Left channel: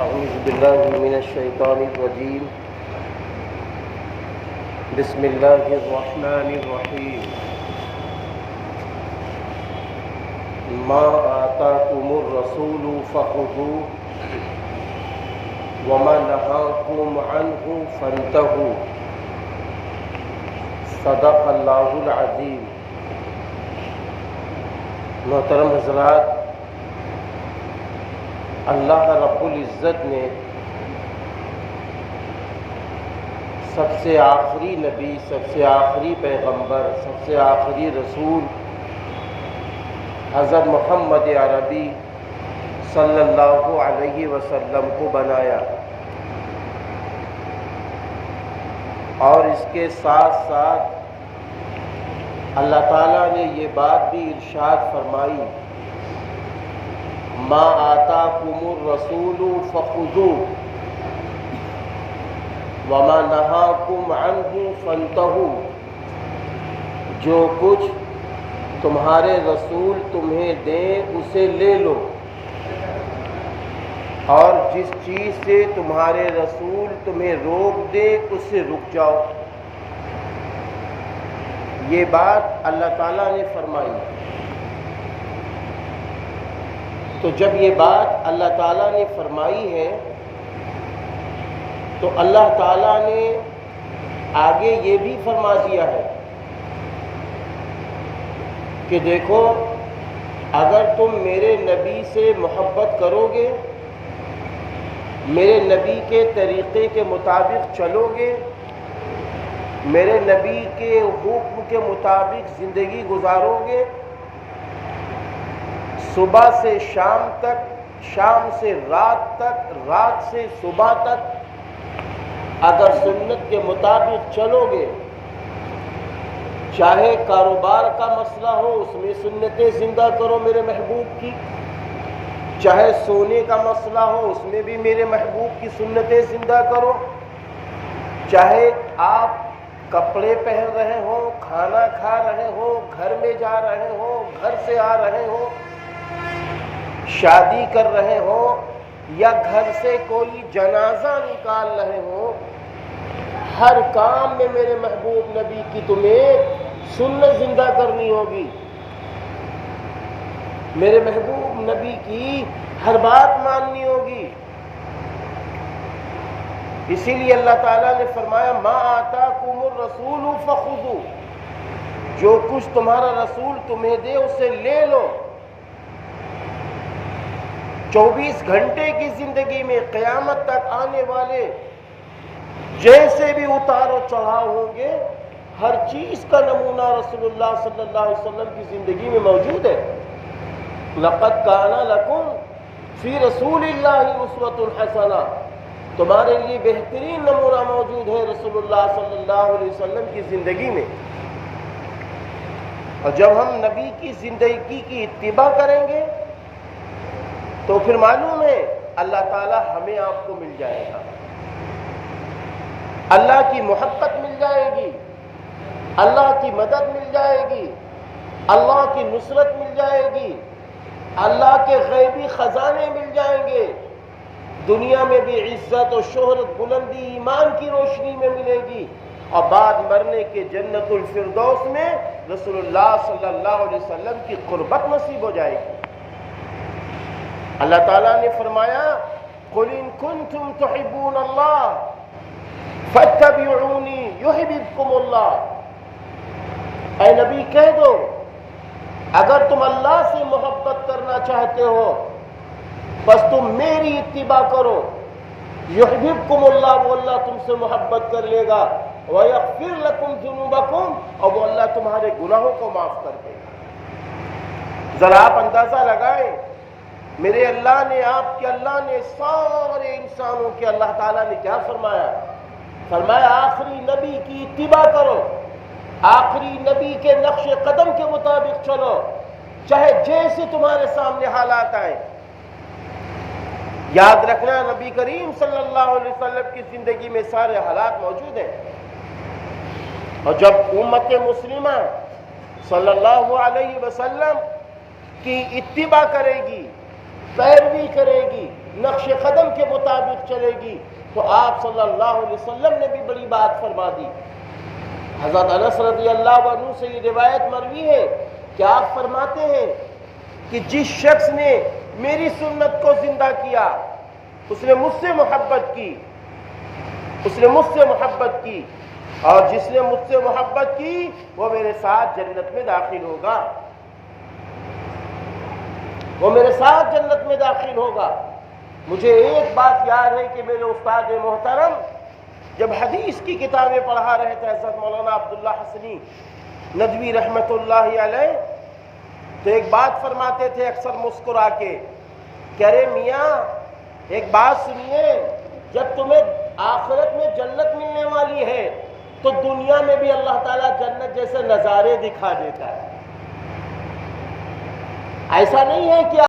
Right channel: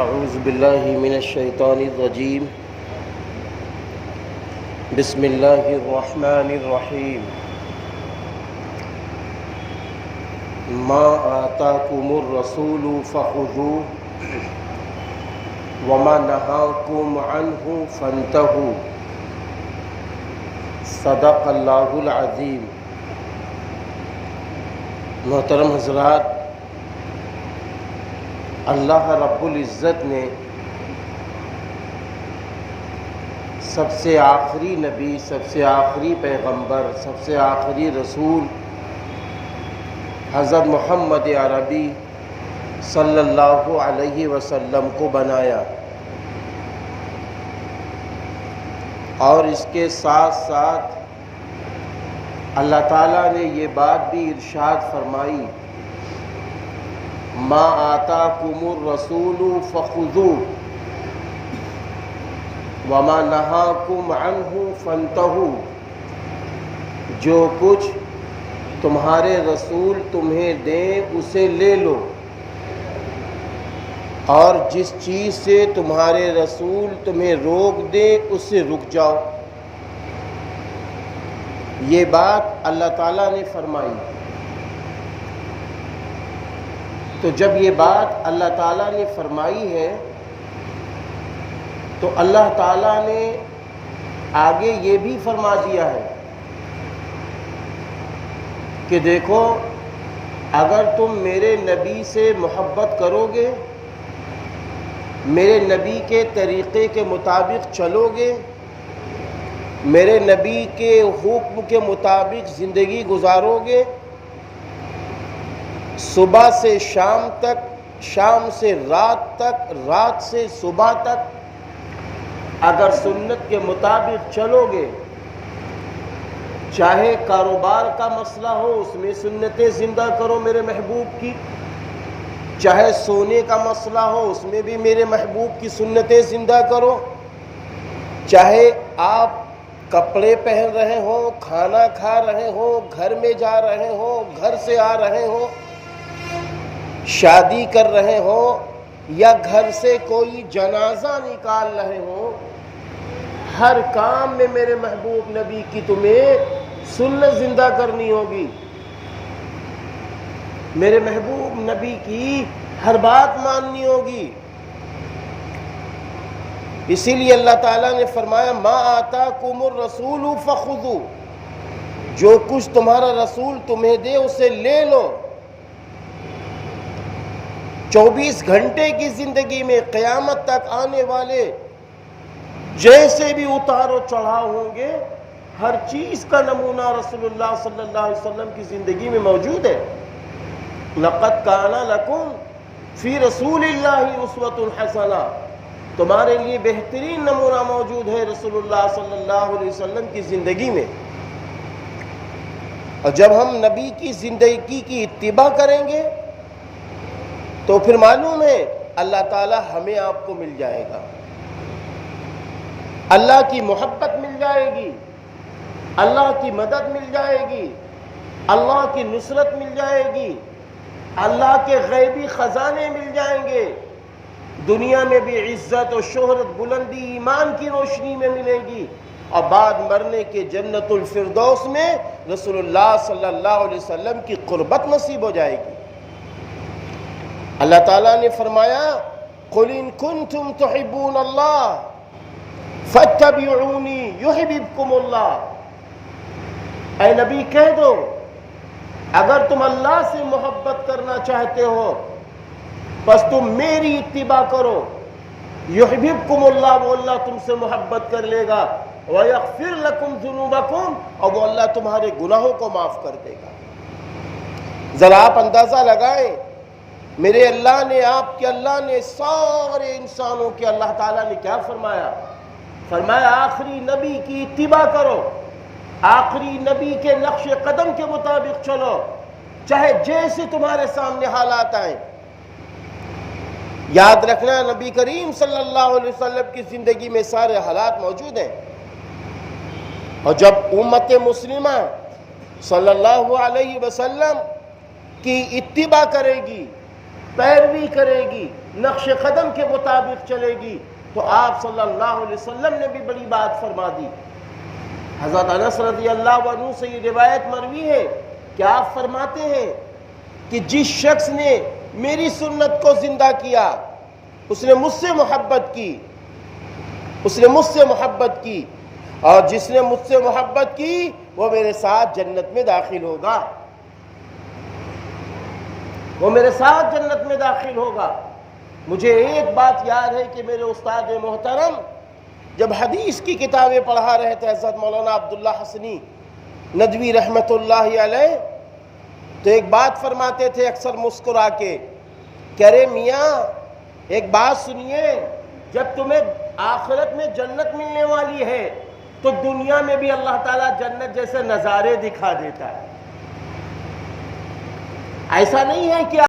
اعوذ باللہ من الشیطان الرجیم بسم اللہ الرحمن الرحیم ما آتاکم الرسول فخذوه وما نہاکم عنہ فانتہوا صدق اللہ العظیم۔ محترم حضرات، اللہ رب العزت نے سب سے آخری نبی، سب سے آخری پیغمبر، سب سے آخری رسول حضرت محمد عربی صلی اللہ علیہ وسلم کو بنایا، اور اس کے ساتھ ساتھ اللہ تعالیٰ نے یہ بات بھی ارشاد فرمائی، ما آتاکم الرسول فخذوه وما نہاکم عنہ فانتہوا، جو کچھ تمہارے رسول تمہیں دیں اسے لے لو، اور جس چیز سے تمہارے رسول تمہیں روک دے اس سے رک جاؤ۔ یہ بات اللہ تعالیٰ نے فرمائی۔ تو جب یہ بات اللہ تعالیٰ نے فرمائی ہے تو اللہ تعالیٰ نے آگے یہ بھی فرما دیا ہے کہ دیکھو، اگر تم میرے نبی سے محبت کرو گے، میرے نبی کے طریقے کے مطابق چلو گے، میرے نبی کے حکم کے مطابق زندگی گزارو گے، صبح سے شام تک، شام سے رات تک، رات سے صبح تک اگر سنت کے مطابق چلو گے، چاہے کاروبار کا مسئلہ ہو اس میں سنتیں زندہ کرو میرے محبوب کی، چاہے سونے کا مسئلہ ہو اس میں بھی میرے محبوب کی سنتیں زندہ کرو، چاہے آپ کپڑے پہن رہے ہو، کھانا کھا رہے ہو، گھر میں جا رہے ہو، گھر سے آ رہے ہو، شادی کر رہے ہو، یا گھر سے کوئی جنازہ نکال رہے ہو، ہر کام میں میرے محبوب نبی کی تمہیں سنت زندہ کرنی ہوگی، میرے محبوب نبی کی ہر بات ماننی ہوگی۔ اسی لیے اللہ تعالیٰ نے فرمایا ما آتاکم الرسول فخذوه، جو کچھ تمہارا رسول تمہیں دے اسے لے لو۔ 24 گھنٹے کی زندگی میں قیامت تک آنے والے جیسے بھی اتار و چڑھاؤ ہوں گے، ہر چیز کا نمونہ رسول اللہ صلی اللہ علیہ وسلم کی زندگی میں موجود ہے۔ لَقَدْ كَانَ لَكُمْ فِي رَسُولِ اللَّهِ أُسْوَةٌ حَسَنَةٌ، تمہارے لیے بہترین نمونہ موجود ہے رسول اللہ صلی اللہ علیہ وسلم کی زندگی میں۔ اور جب ہم نبی کی زندگی کی اتباع کریں گے تو پھر معلوم ہے اللہ تعالی ہمیں آپ کو مل جائے گا، اللہ کی محبت مل جائے گی، اللہ کی مدد مل جائے گی، اللہ کی نصرت مل جائے گی، اللہ کے غیبی خزانے مل جائیں گے، دنیا میں بھی عزت و شہرت، بلندی ایمان کی روشنی میں ملے گی، اور بعد مرنے کے جنت الفردوس میں رسول اللہ صلی اللہ علیہ وسلم کی قربت نصیب ہو جائے گی۔ اللہ تعالیٰ نے فرمایا قُلْ إِن كُنتُمْ تُحِبُّونَ اللَّهَ فَاتَّبِعُونِي يُحْبِبْكُمُ اللَّهُ، اے نبی کہہ دو اگر تم اللہ سے محبت کرنا چاہتے ہو بس تم میری اتباع کرو، یحببکم اللہ، وہ اللہ تم سے محبت کر لے گا، وَيَغْفِرْ لَكُمْ ذُنُوبَكُمْ، اور وہ اللہ تمہارے گناہوں کو معاف کر دے گا۔ ذرا آپ اندازہ لگائیں، میرے اللہ نے، آپ کے اللہ نے، سارے انسانوں کے اللہ تعالیٰ نے کیا فرمایا؟ فرمایا آخری نبی کی اتباع کرو، آخری نبی کے نقش قدم کے مطابق چلو، چاہے جیسے تمہارے سامنے حالات آئیں۔ یاد رکھنا نبی کریم صلی اللہ علیہ وسلم کی زندگی میں سارے حالات موجود ہیں، اور جب امت مسلمہ صلی اللہ علیہ وسلم کی اتباع کرے گی، پیروی کرے گی، نقش قدم کے مطابق چلے گی، تو آپ صلی اللہ علیہ وسلم نے بھی بڑی بات فرما دی۔ حضرت انس رضی اللہ عنہ سے یہ روایت مروی ہے کہ آپ فرماتے ہیں کہ جس شخص نے میری سنت کو زندہ کیا اس نے مجھ سے محبت کی، اس نے مجھ سے محبت کی، اور جس نے مجھ سے محبت کی وہ میرے ساتھ جنت میں داخل ہوگا، وہ میرے ساتھ جنت میں داخل ہوگا۔ مجھے ایک بات یاد ہے کہ میرے استاد محترم جب حدیث کی کتابیں پڑھا رہے تھے حضرت مولانا عبداللہ حسنی ندوی رحمت اللہ علیہ، تو ایک بات فرماتے تھے اکثر مسکرا کے کہ ارے میاں ایک بات سنیے، جب تمہیں آخرت میں جنت ملنے والی ہے تو دنیا میں بھی اللہ تعالیٰ جنت جیسے نظارے دکھا دیتا ہے۔ ایسا نہیں ہے کہ